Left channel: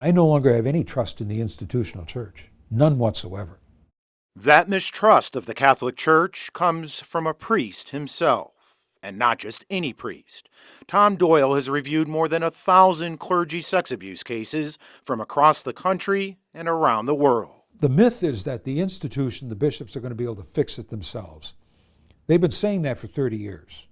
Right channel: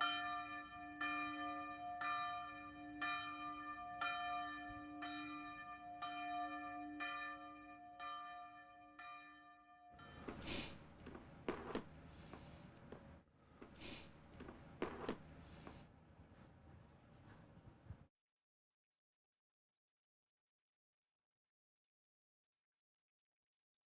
I no longer have any trust in the institutional church, none whatsoever. That mistrust of the Catholic Church comes from a priest himself, and not just any priest. Tom Doyle has reviewed more than 1,000 clergy sex abuse cases from across the country and around the world. The myth is that the institution, the bishops, are going to be able to fix it themselves. They've been saying that for 30 years,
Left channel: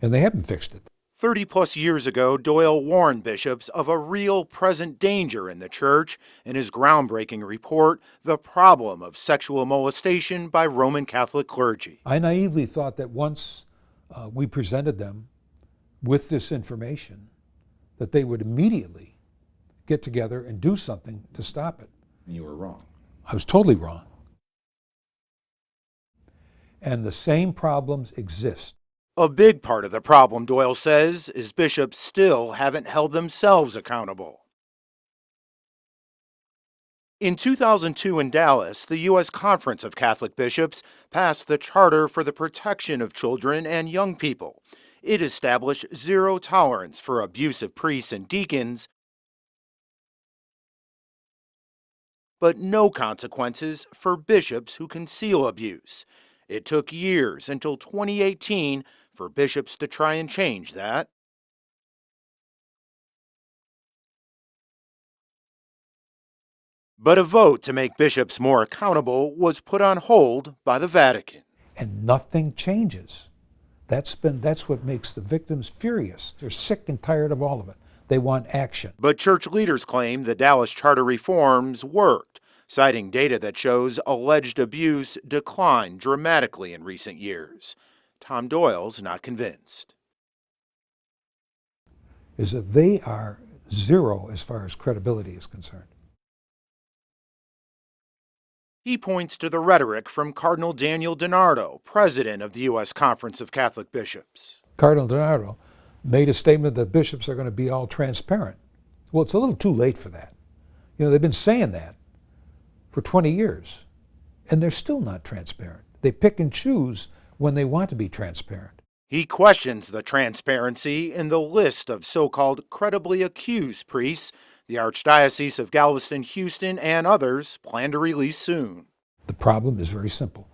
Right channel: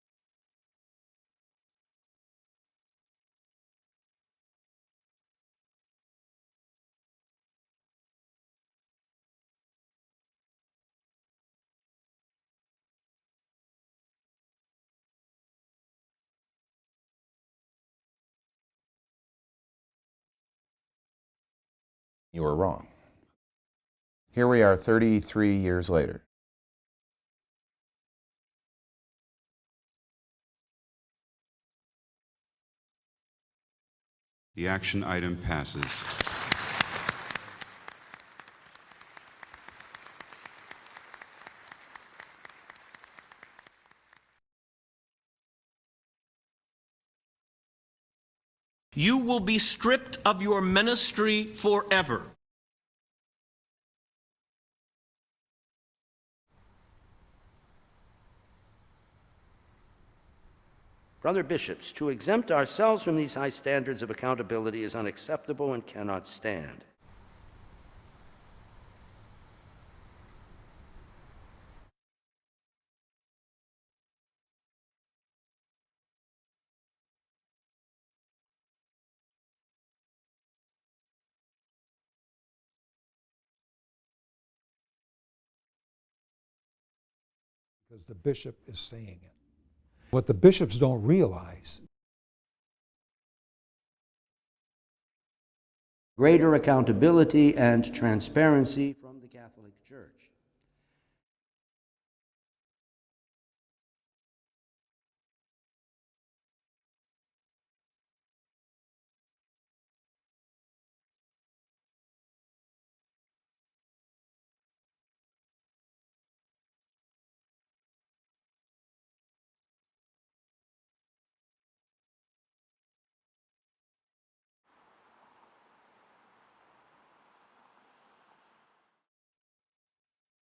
and they haven't fixed it. 30-plus years ago, Doyle warned bishops of a real present danger in the church in his groundbreaking report, The Problem of Sexual Molestation by Roman Catholic Clergy. I naively thought that once we presented them with this information, that they would immediately get together and do something to stop it. You were wrong. I was totally wrong. Here we are 33 years later. And the same problems exist. A big part of the problem, Doyle says, is bishops still haven't held themselves accountable. The action item passes. In 2002 in Dallas, the U.S. Conference of Catholic Bishops passed the Charter for the Protection of Children and Young People. It established zero tolerance for abusive priests and deacons. You will be stripped of your ministry forever. But no consequences for bishops who conceal abuse. It took years until 2018 for bishops to try and change that. Brother bishops, to exempt ourselves from these high standards of accountability is unacceptable and cannot stand. But a vote to make bishops more accountable was put on hold by the Vatican. And nothing changes. That's what makes the victims furious. They're sick and tired of all of it. They want action. But church leaders claim the Dallas charter reforms worked, citing data that shows alleged abuse declined dramatically in recent years. Tom Doyle's not convinced. What the bishops don't realize is that they are zero as far as credibility is concerned. Greater accountability and transparency. He points to the rhetoric from Cardinal Daniel DiNardo, president of the U.S. Conference of Catholic Bishops. Cardinal DiNardo made a statement that bishops are going to be all transparent. Well, it's a little too late for that. You know, they've been saying that for 20 years, and they're still not transparent. They pick and choose when they want to be transparent. He questions the transparency in the list of so-called credibly accused priests the Archdiocese of Galveston-Houston and others plan to release soon. The problem is very simple.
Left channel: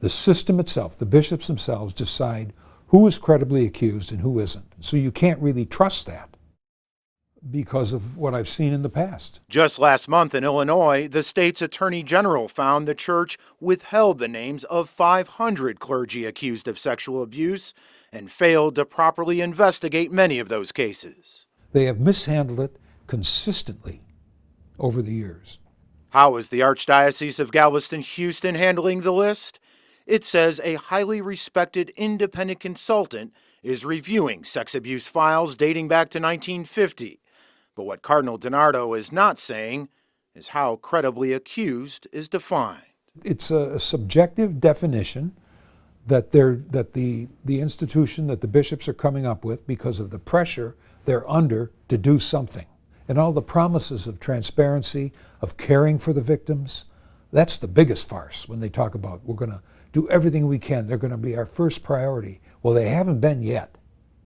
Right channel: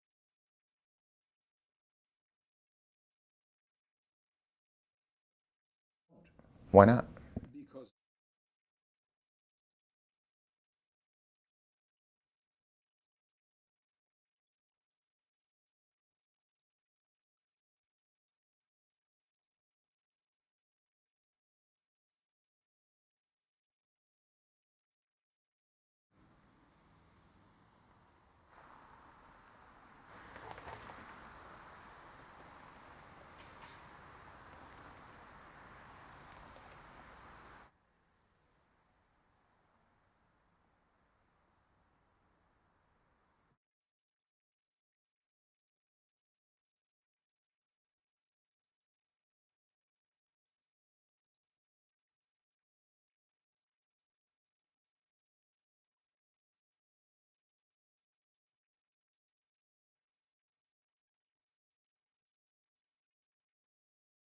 The system itself, the bishops themselves, decide who is credibly accused and who isn't. So you can't really trust that. Why not? Because of what I've seen in the past. Just last month in Illinois, the state's attorney general found the church withheld the names of 500 clergy accused of sexual abuse and failed to properly investigate many of those cases. They have mishandled it consistently over the years. How is the Archdiocese of Galveston-Houston handling the list? It says a highly respected independent consultant is reviewing sex abuse files dating back to 1950. But what Cardinal DiNardo is not saying is how credibly accused is defined. It's a subjective definition that the institution that the bishops are coming up with because of the pressure they're under to do something. And all the promises of transparency, of caring for the victims, that's the biggest farce when they talk about we're going to do everything we can. They're going to be our first priority. Well, they haven't been yet.